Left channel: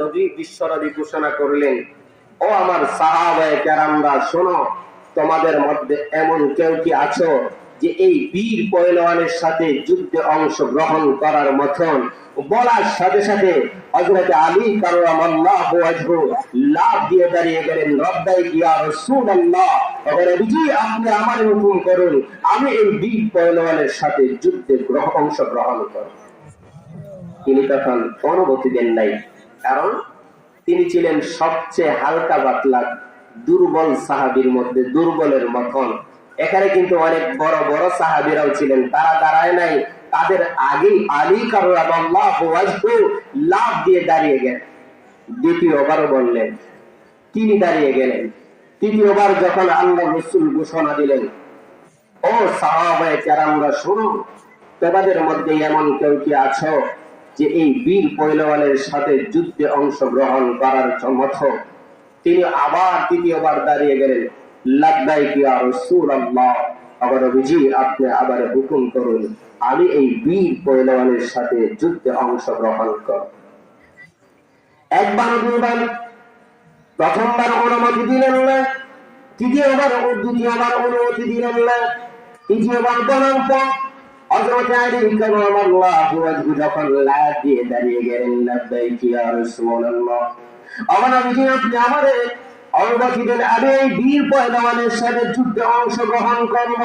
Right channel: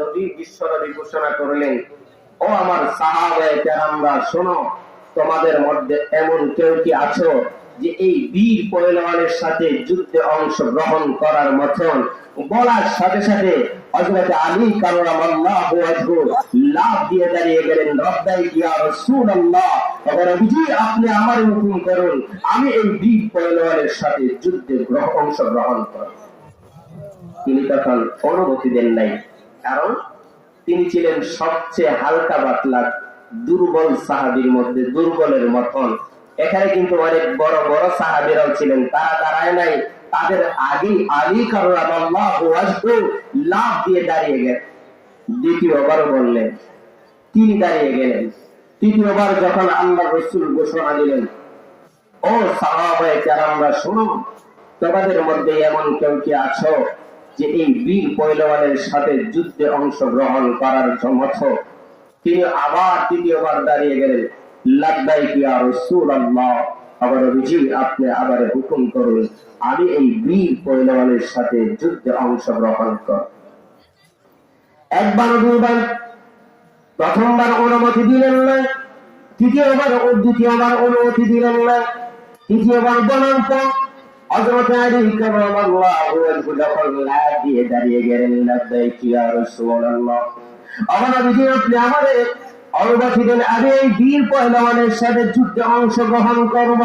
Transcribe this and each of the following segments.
নবী বিশ্বনবী ঘোষণা করলেন, ও আমার সাহাবায়ে কেরামরা শোনো, তোমাদের মধ্যে এমন কেউ কি আছো যে এই বীর পহলওয়ানের সাথে যুদ্ধে অংশগ্রহণ করার মতন? বলার সাথে সাথে হযরত আলী কাররামাল্লাহু ওয়াজহু লাফ দিয়ে দাঁড়িয়ে গেলেন, রব্বাই ইয়া রাসূলুল্লাহ, নবীজি আপনি আমার হুকুম করুন, আমি এই বীর পহলওয়ানের সাথে যুদ্ধে অংশগ্রহণ করব। তিনি তখন অনুমতি দেন নাই, কারণ তিনি ছিলেন সবচেয়ে হালকা পাতলা দুর্বল সাহাবীর মধ্যে, দুর্বলের মতন। এখানে কিন্তু অনেক বড় বড় সাহাবীরাও ছিলেন, তারা দাঁড়ায় নাই, তাদের আগেই আলী কাররামাল্লাহু ওয়াজহু লাফ দিয়ে দাঁড়িয়ে গেলেন। দ্বিতীয়বার বললেন, তিনি দাঁড়িয়ে গেলেন। তৃতীয়বার যখন আল্লাহ রাসূল ঘোষণা দিলেন, ও সাহাবায়ে কেরামরা শোনো, তোমাদের মধ্যে এমন কেউ কি আছো যে এই বীর পহলওয়ানের সাথে যুদ্ধে অংশগ্রহণ করার জন্য? তিনি আবার তৃতীয়বার দাঁড়িয়ে গেলেন, লাব্বাইক ইয়া রাসূলুল্লাহ, আবার নবীজি আপনি আবার হুকুম করুন, আমি এই বীর পহলওয়ানের সাথে যুদ্ধে অংশগ্রহণ করব। একবার দুইবার, প্রথমবার অনুমতি দিলেন না, দ্বিতীয়বার অনুমতি দিলেন না, তৃতীয়বার বলার পর হযরত আলী কাররামাল্লাহু ওয়াজহু যখন লাফ দিয়ে দাঁড়িয়ে গেলেন, লাব্বাইক ইয়া রাসূলুল্লাহ, আমার নবীজি আপনি আমাদের অনুমতি দেন, আমি এই বীর পহলওয়ানের সাথে যুদ্ধে অংশগ্রহণ করব।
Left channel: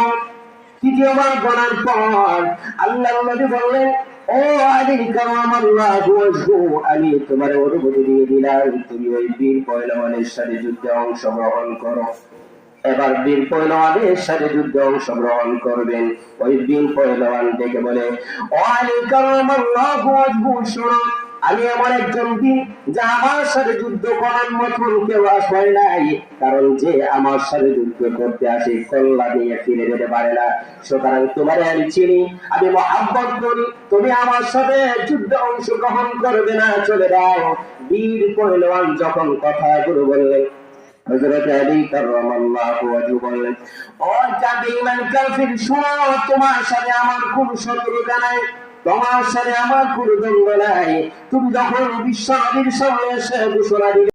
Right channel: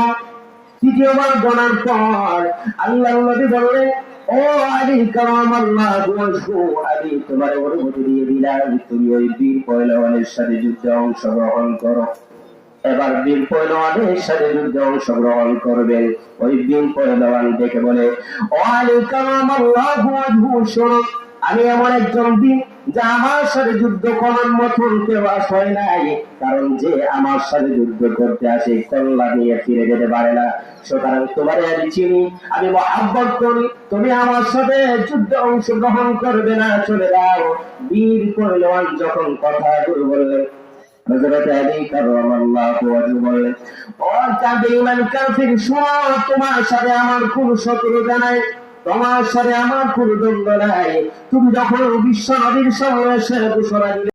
তৃতীয়বার বলার পর আল্লাহর নবী বললেন, ও আলী কাররামাল্লাহু ওয়াজহু, আমি তোমার অনুমতি দিয়ে দিলাম, তুমি ওই বীর পহলওয়ানের সাথে যুদ্ধে অংশগ্রহণ করো। এবার বীর পহলওয়ানের সাথে যুদ্ধে অংশগ্রহণ করবেন। ওই বীর পহলওয়ান ডেকে বলে, ও আলী কাররামাল্লাহু ওয়াজহু শোনো, আমি এমন একজন বীর যা আমার সাথে যুদ্ধ করার মতন কেউ আসে নাই, কারণ যে আমার সাথে যুদ্ধ করতে আসে কল্লা নিয়ে ফিরে যেতে পারে না। সুতরাং তোমারে আমি চিনি, আমি মহব্বত করি, তুমি আমার সাথে যুদ্ধে অংশগ্রহণ করবে না, চলে যাও। বীর পহলওয়ান যখন কথাগুলো বললেন, হযরত আলী কাররামাল্লাহু ওয়াজহু বললেন, ও কাবিমান কাফির, শোনো, তোমার সাথে আমার কোনো শত্রুতা নাই, তোমার সাথে আমার কোনো দ্বন্দ্ব নাই। তুমি যখন বিশ্ব নবীর সামনে এসে ঘোষণা দিলে